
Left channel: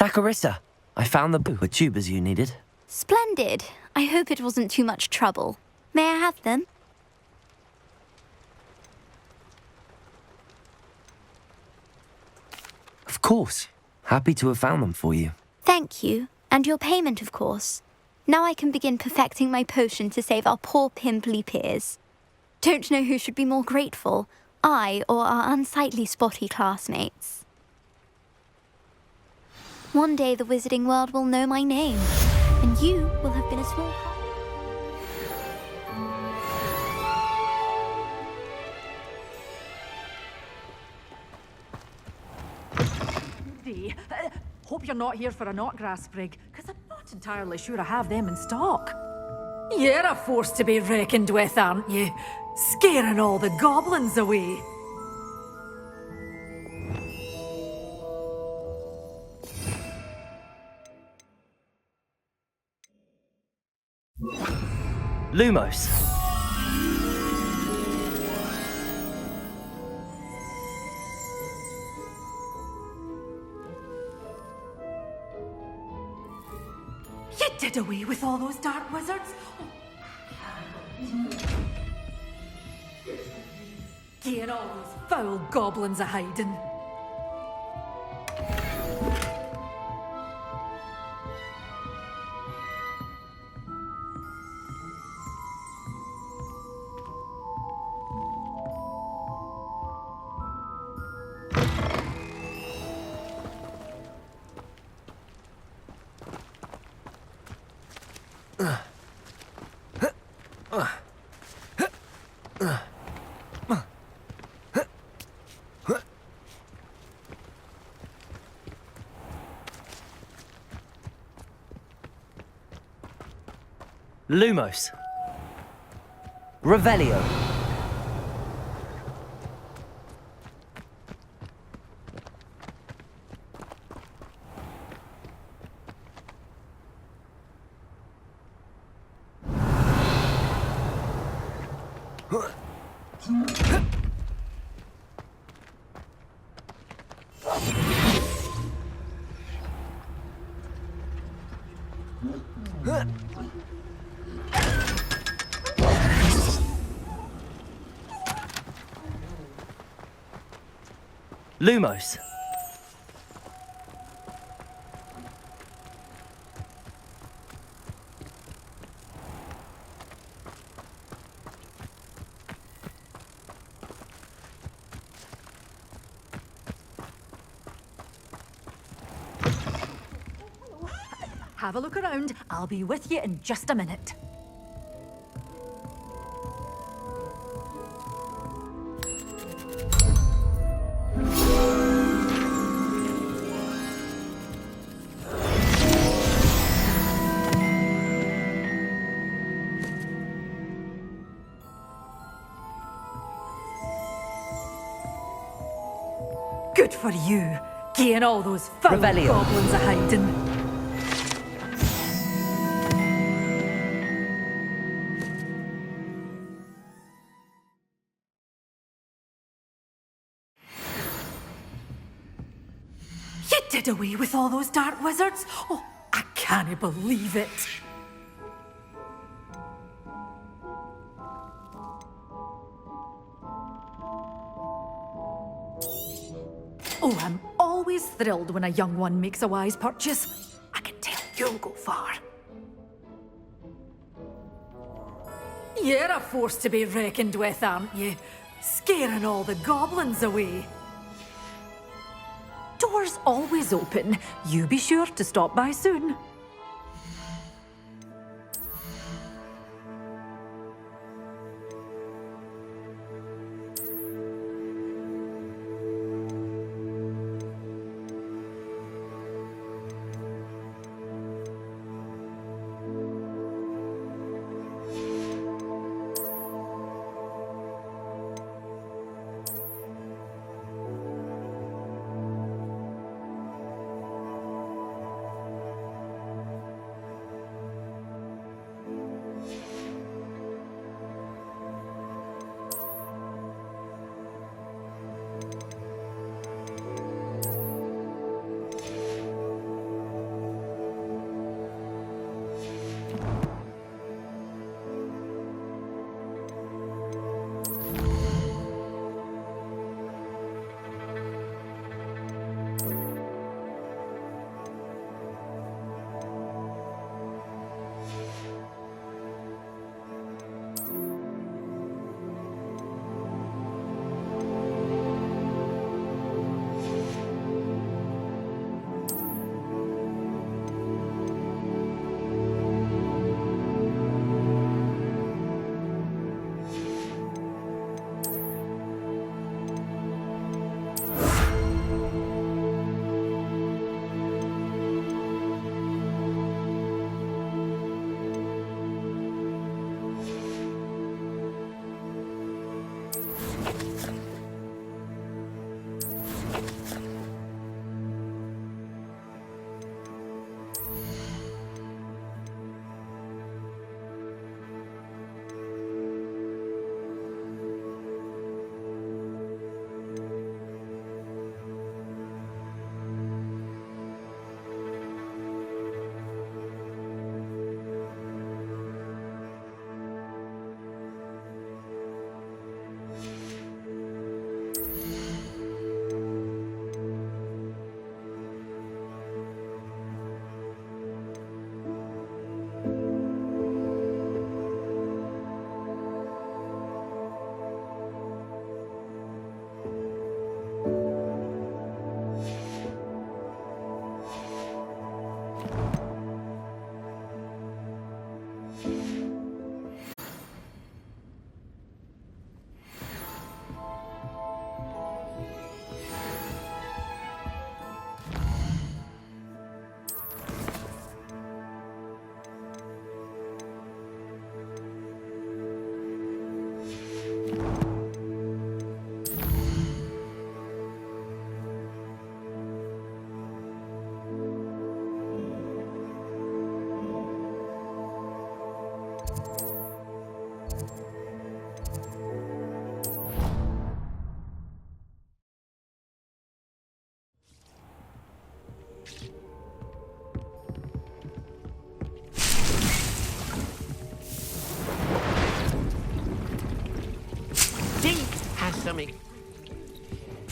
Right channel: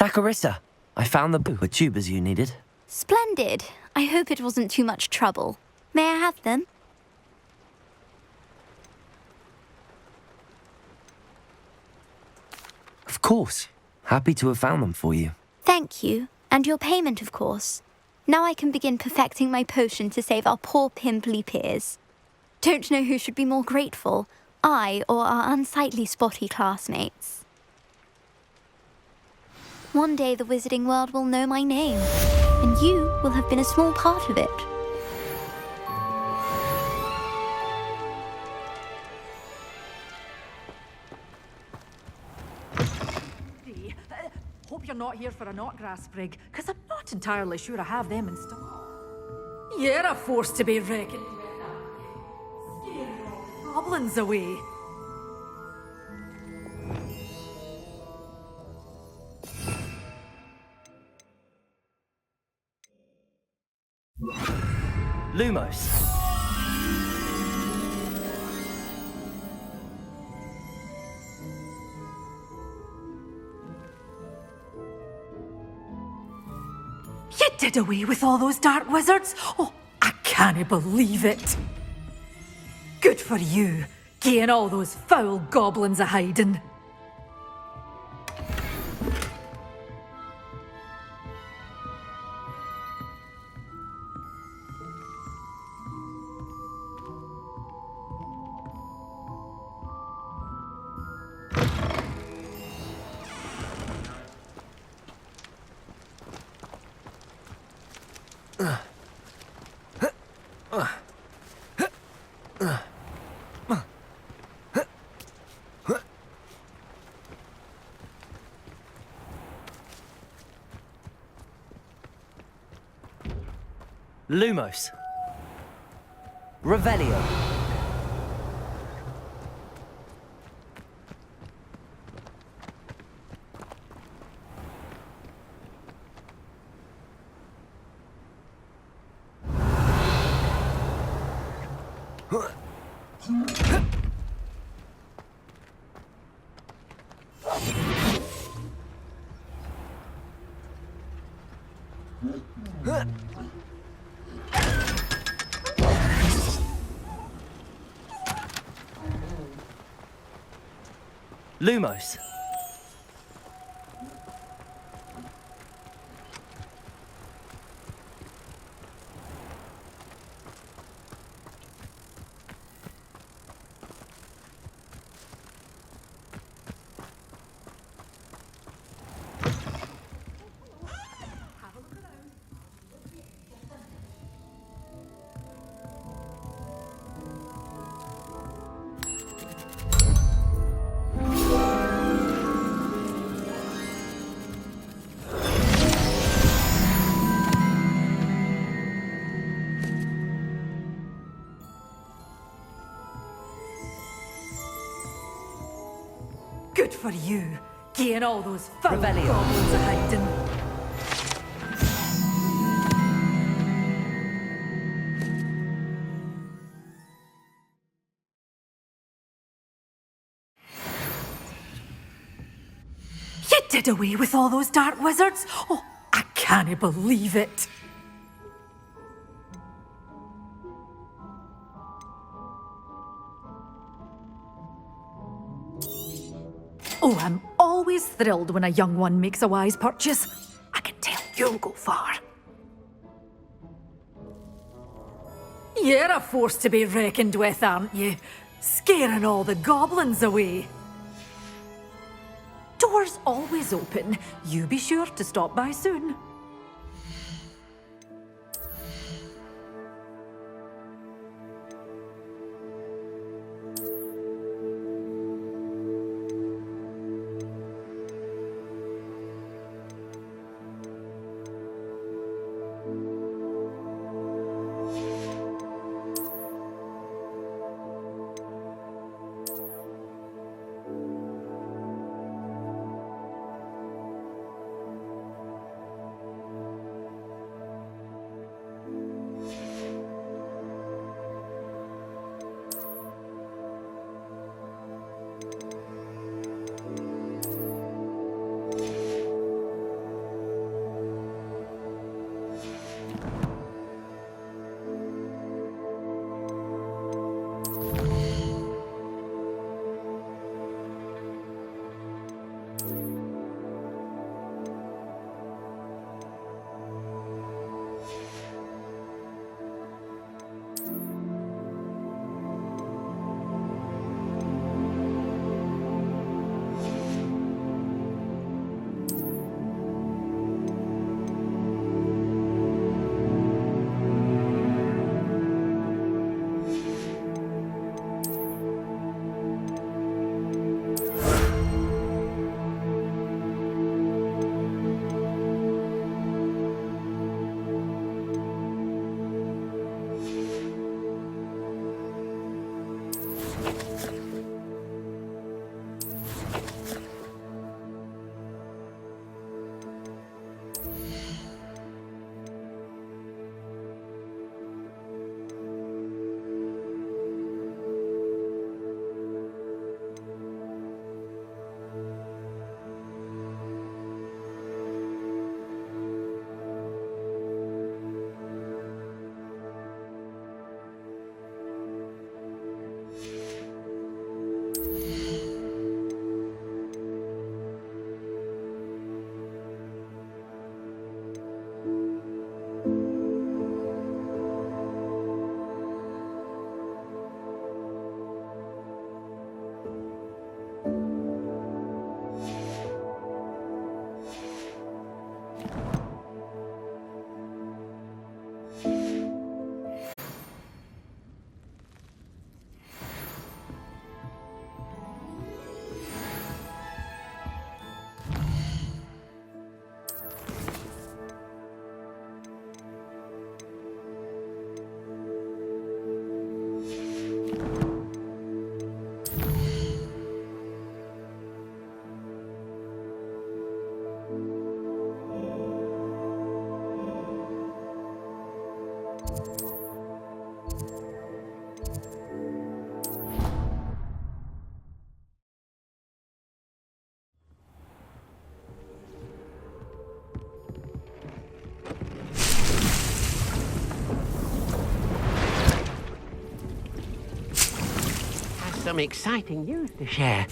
Saccharissa, I found the tubers you needed. Splendid. I hope it wasn't too much trouble. May I have them? Of course. Happy to have found them for you. Thank you. And your payment, of course. Now I can begin perfecting my potion to save our poor pimply peers. Don't know who should be more grateful, I or our unsightly spotty classmates. One day the wizarding world will know my name, and you will have been a small part of it. Hope you're not here for a knotgrass sprig, because I'm not entirely sure I have them in stock. You're a force to be reckoned with, aren't you? Scaring all the goblins away. Lumos. You did away with all those dark wizards? Oh, I can't believe it. Good for you, getting all those foul goblins a-hiding. Lumos. Revelio. Lumos. Have a look around. I'll be with you in just a minute. Good for you, getting all those foul Revelio. goblins a-hiding. You did away with all those dark wizards? Oh, I can't believe it. Oh, I'm always thrilled when a young one makes a wise purchase. I can tell you'll go far. You're a force to be reckoned with, aren't you? Scaring all the goblins away. Doors always open. You be sure to stop by soon. some exciting news to share.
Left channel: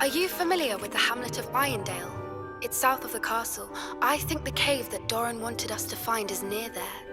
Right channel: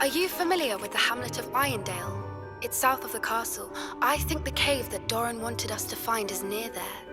Are you familiar with the hamlet of Irondale? It's south of the castle. I think the cave that Doran wanted us to find is near there.